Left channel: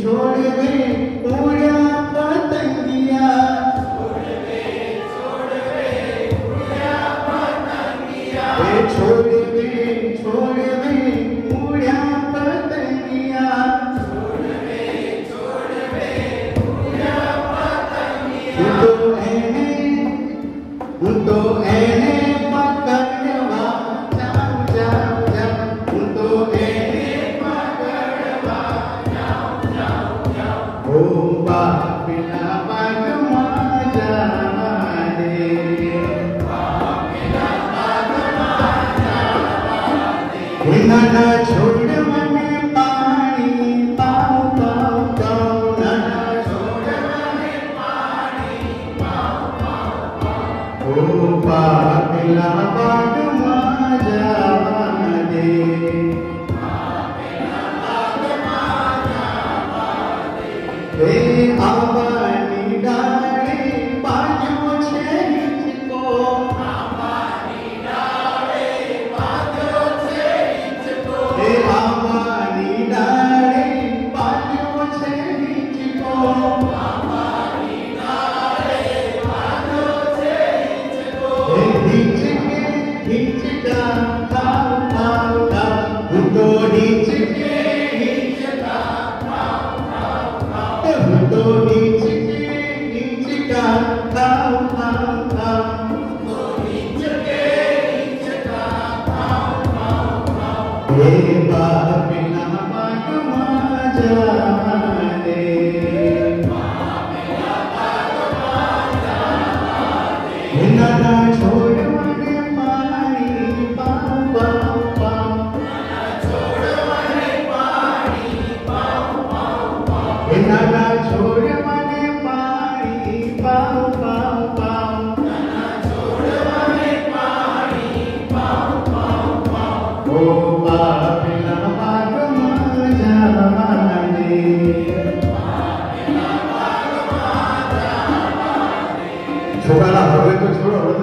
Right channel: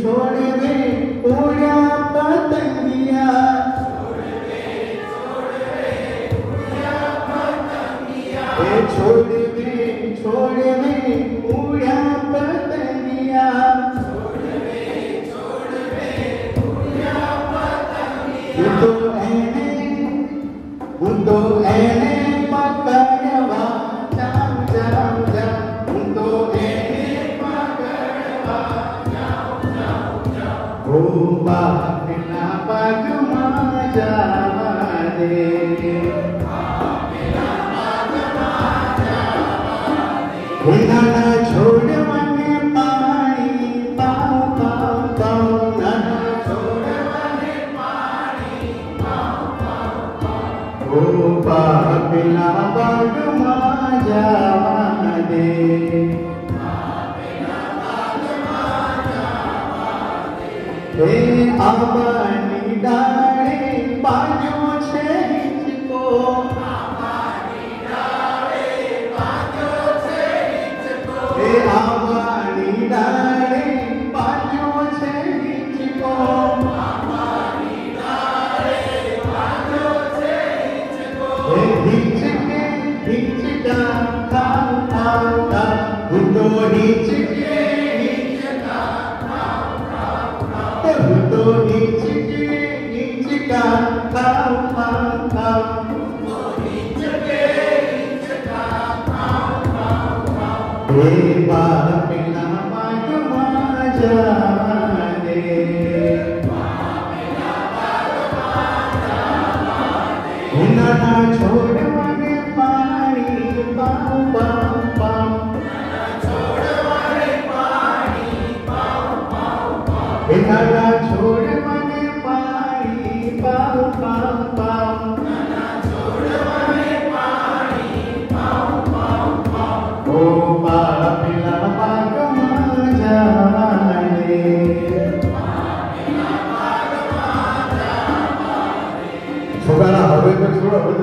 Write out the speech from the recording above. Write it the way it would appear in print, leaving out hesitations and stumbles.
छोड़ दे उड़ा पतंगिया छोड़ दे उड़ा पतंगिया तो एने पकड़वा जाओ जाओ जाओ तो एने पकड़वा जाओ ओ बापिला पगमा जाने ना छोड़ मने पानी पाओ पाओ पाओ ना छोड़ मने पानी पाओ पाओ पाओ ओ बापिला पगमा जाने आवानी डाले बाजू छे हिचको आवानी डाले बाजू छे हिचको आवानी डाले बाजू छे हिचको आवानी डाले बाजू छे हिचको हिचके हिचका खाओ खाओ खाओ तो हिचके तो हिचका खाओ खाओ खाओ तो हिचका खाओ खाओ खाओ हे बापिला पगमा जाने ना छोड़ मने पानी पाओ पाओ पाओ छोड़ मने पानी पाओ पाओ पाओ ना छोड़ मने पानी पाओ पाओ पाओ ना छोड़ मने पानी पाओ पाओ पाओ ओ बापिला पगमा जाने छोकरा હવે તો છોડો